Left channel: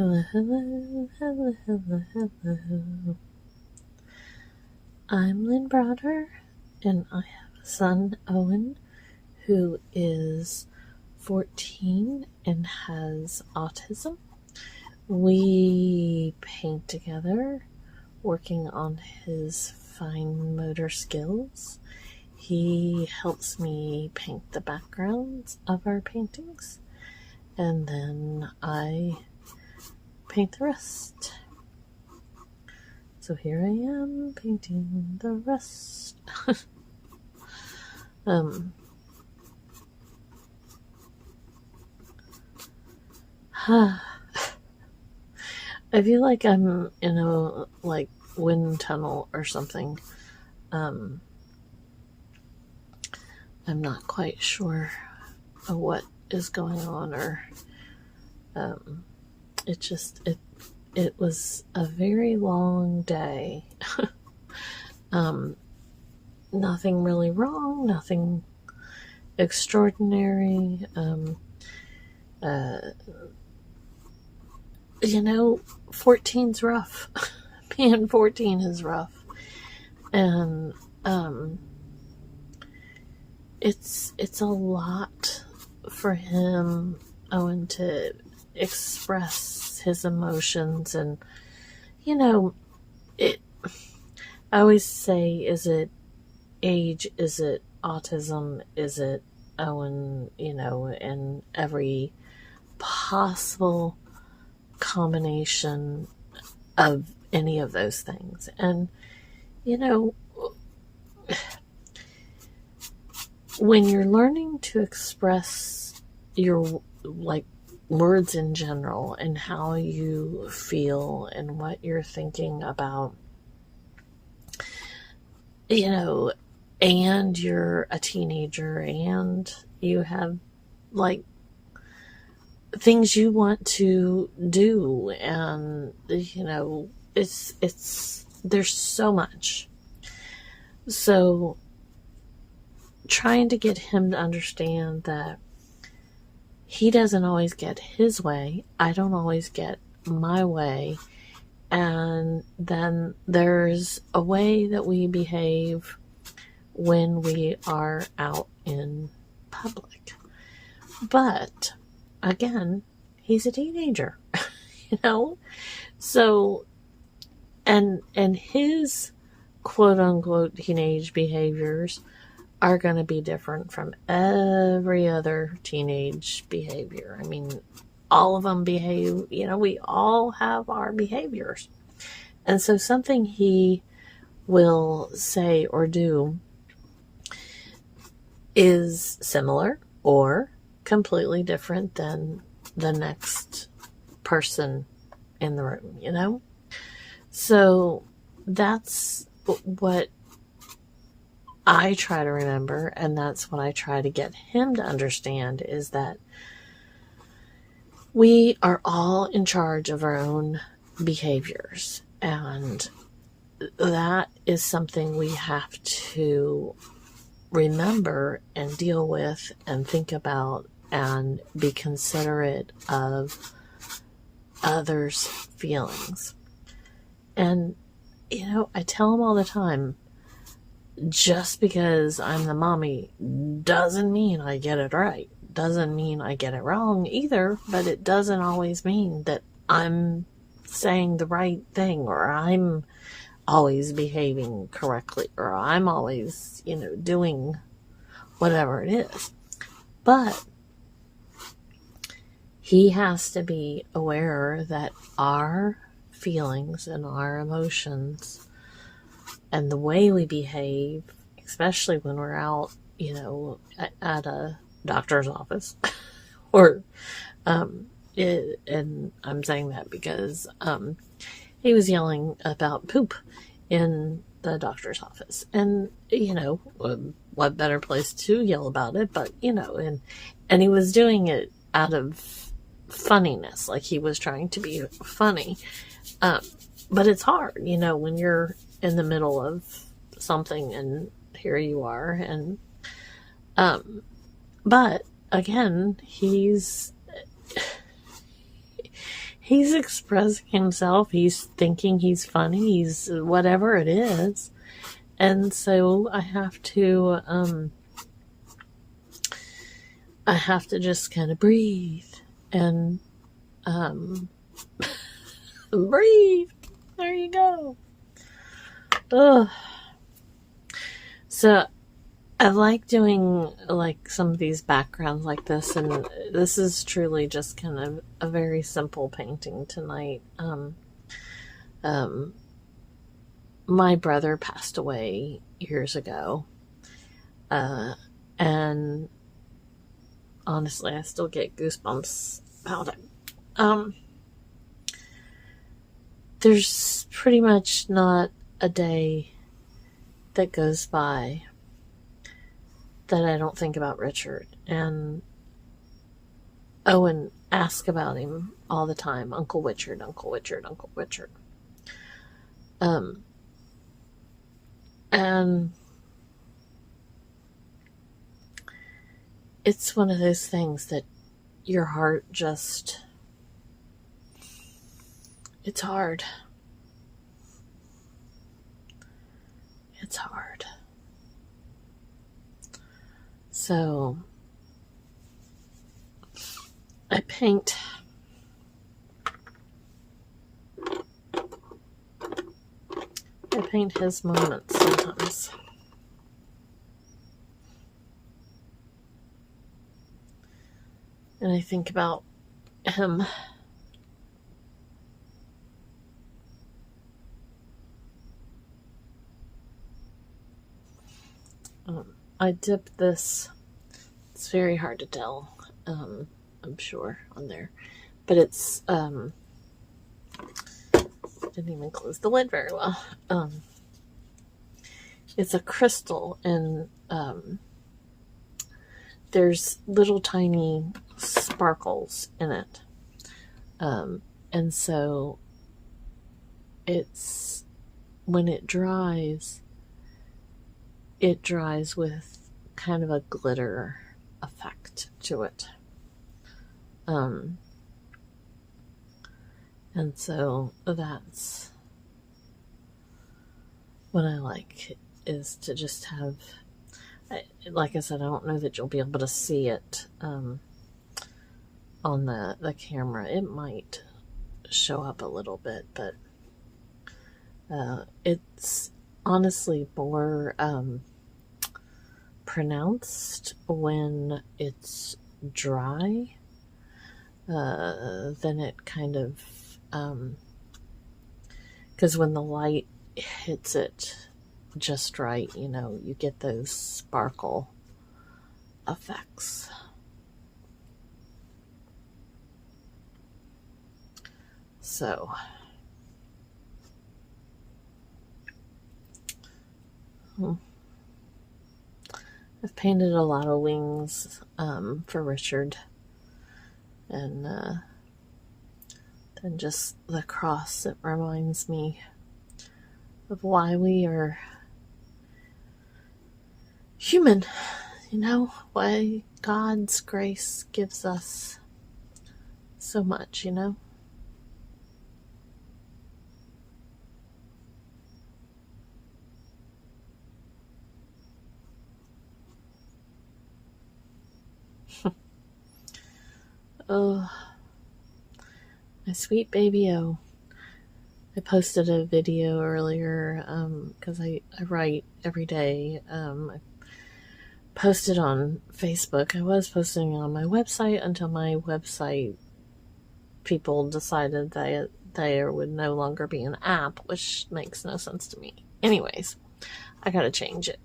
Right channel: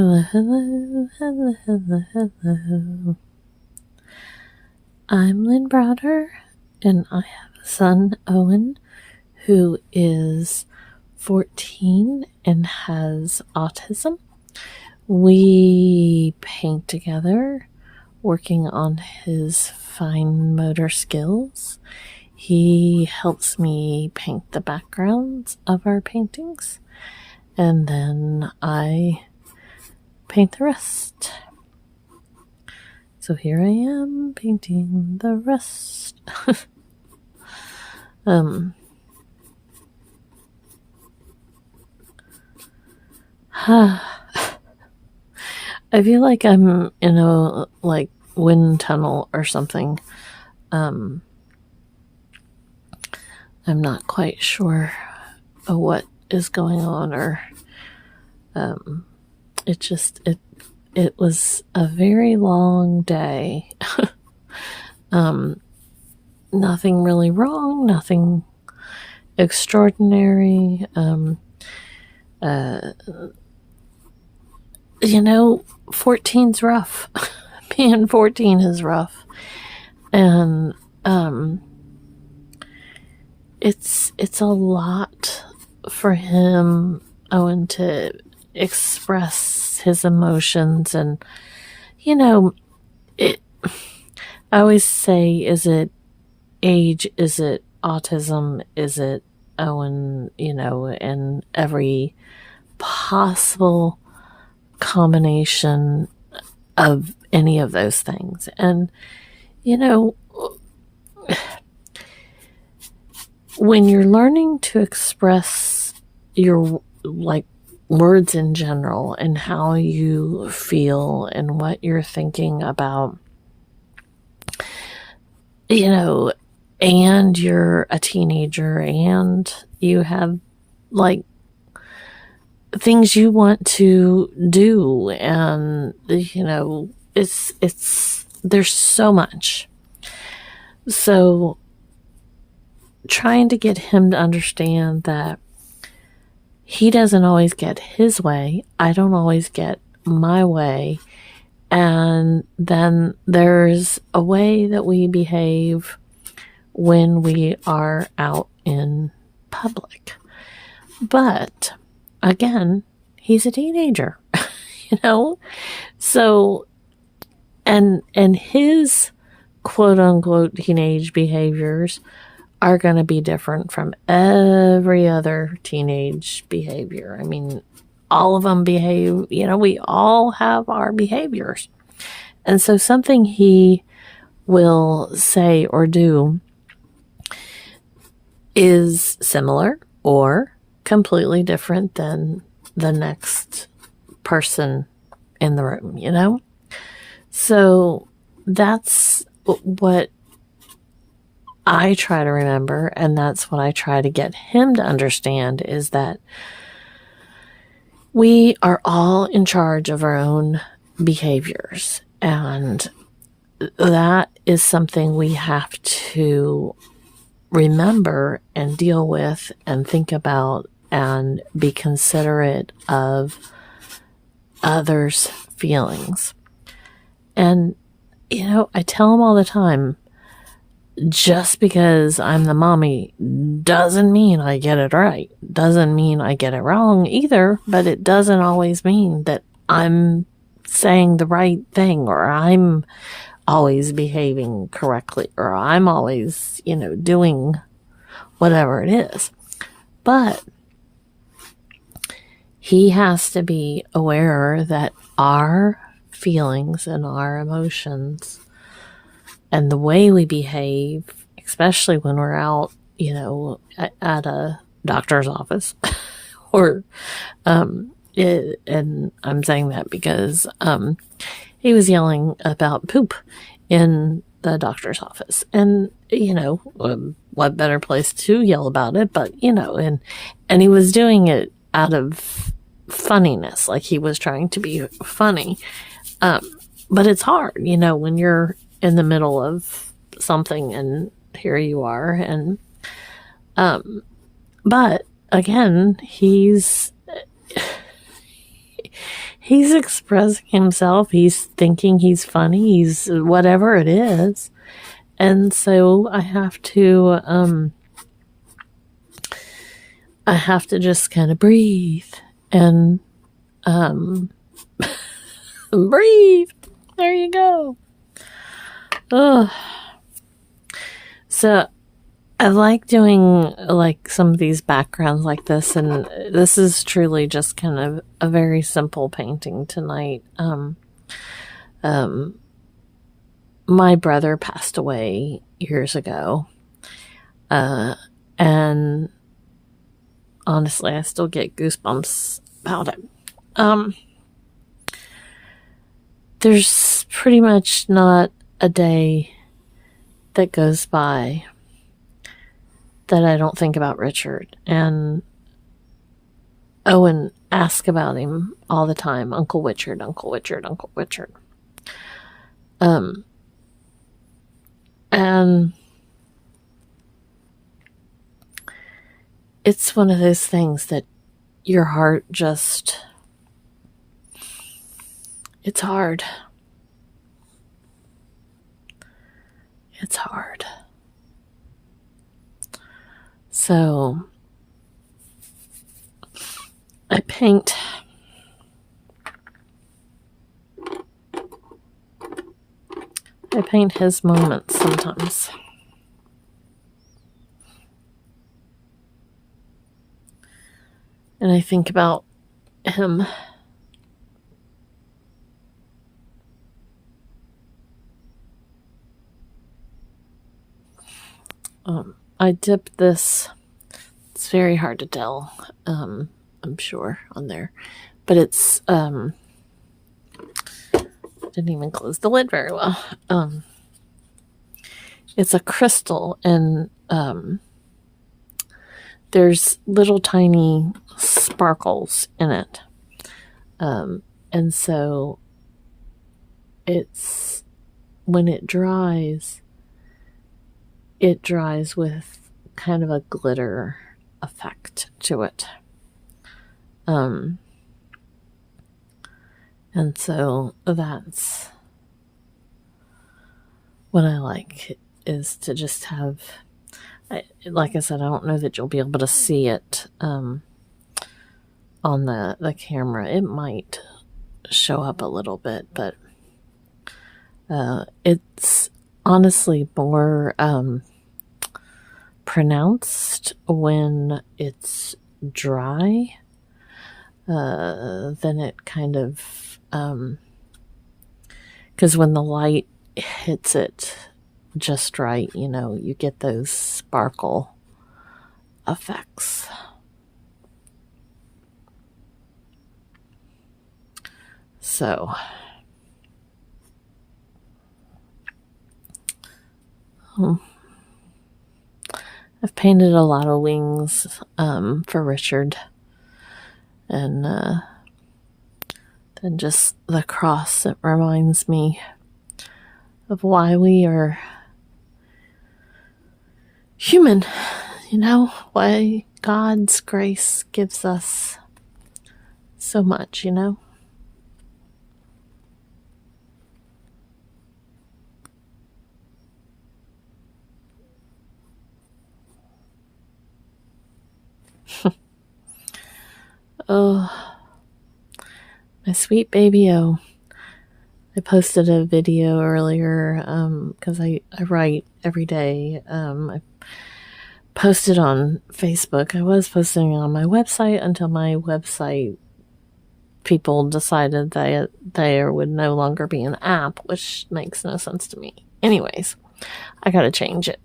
Hello, hello, hello, hello, hello. I'm Lynn Browder, and I have a son, Owen, who is 14 and has autism. We paint together, working on his fine motor skills. He helps me paint the backgrounds of our paintings, and then I paint the rest. So here I am painting the rest. I feel like I'm in a wind tunnel or something. I'm not quite sure what is going on, or it was a very long day. Nothing really wrong, nothing extraordinary. 14's rough. Being 14 is rough. And it's a lot for him, Owen, to express his emotions. And I always say, is it age, is it autism, is it Owen, and every possible combination of any of those things. And when you're learning to express your words in general and how you feel and what you're thinking about, and you're a teenager and you have things you want to do, and there's so much. So trying to get him to understand that he doesn't always get his way, I don't always get my way, and then there's a way that we behave when we are out in public. But again, he's a teenager, so and his quote unquote teenage behaviors are going to be different from every other teenage behavior. I mean, all of them behave, we all have our behaviors. And so something he will say or do is similar or completely different than the next person in the room, So that's what I try to remember, and that's what I try to get him to understand, is that we are all in charge of our own behaviors, and that is something we have to remember and deal with and think about and be considerate of others' feelings. And I tell him all the time, just because I'm the mommy doesn't mean I get it right, doesn't mean I get it wrong either, but it doesn't always mean that I'm saying the right thing, or I'm always behaving correctly, or I'm always, doing whatever it is. But he has to be aware that our feelings and our emotions and the way we behave, especially when we're out, at a doctor's office, or, and I'm saying that because he was yelling about poop in the doctor's office, and what better place to yell about it, but and he was doing it out of funniness, like he was trying to be funny, but it's hard, when you're in the middle of something and here you are, and But again, he he's expressing himself. He's thinking he's funny. He's whatever it is. And so I have to just kind of breathe and breathe. There you go. Ugh. So I like doing like some of these backgrounds like this, and this is truly just kind of a very simple painting tonight. My brother passed away years ago, and honestly, I still get goosebumps about it. There's pretty much not a day that goes by that I don't think about Richard. And Owen asks about him all the time. Uncle Richard, Uncle Richard, Uncle Richard. And it's one of those things that your heart just, it's hard. It's hard. So I paint his moments sometimes. And I think about him. I dipped this. It's very hard to tell, I'm sure, on there. But it's, didn't even close the lid very well. It's a crystal, and there's little tiny sparkles in it. And so it's, when it dries with kind of a glitter effect to it. And so that's what I like, is to just have, like I said, I don't know that you'll be able to see it on the camera. It might show up a little bit, but it's honestly more pronounced when it's dry than it kind of, because when the light hits it just right, you get those sparkle effects. So I've painted a lot of wings for Richard, and then just the cross. It reminds me of why we are human, why God's grace gives us so much, Oh, my sweet baby O. I posted a video earlier because I write every day. I posted on Facebook. I was posting on my website until my website people decided that there would no longer be an app, which makes no sense to me. Anyways, I gotta change it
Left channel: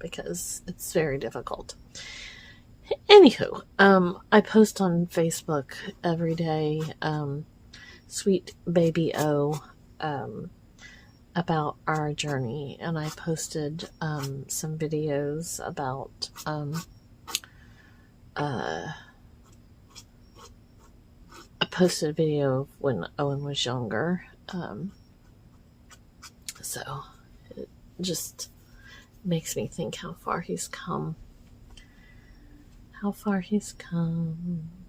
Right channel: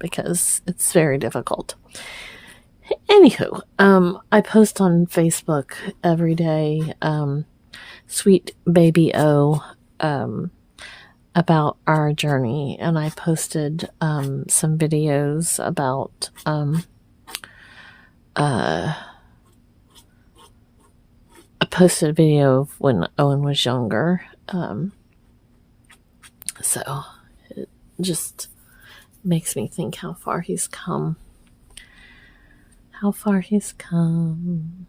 because it's very difficult. Anywho, I post on Facebook every day, sweet baby O, about our journey, and I posted some videos about I posted a video of when Owen was younger, so it just makes me think how far he's come. How far he's come.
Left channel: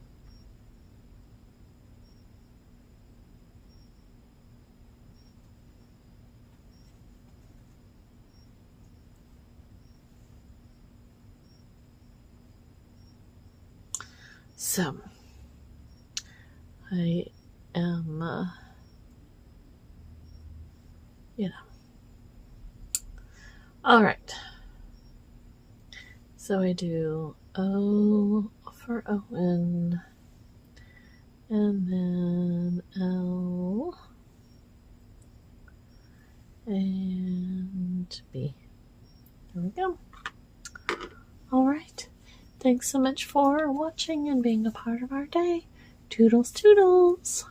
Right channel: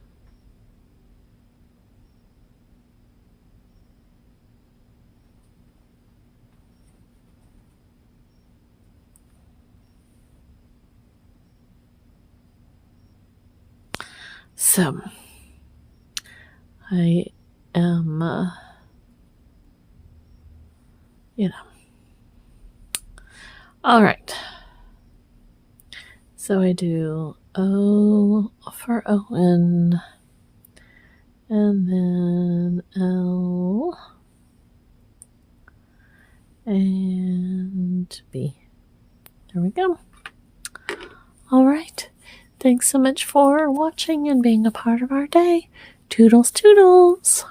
So I am, all right. So I do O for Owen, and then L and B. There we go. All right. Thanks so much for watching and being a part of our day. Toodles, toodles.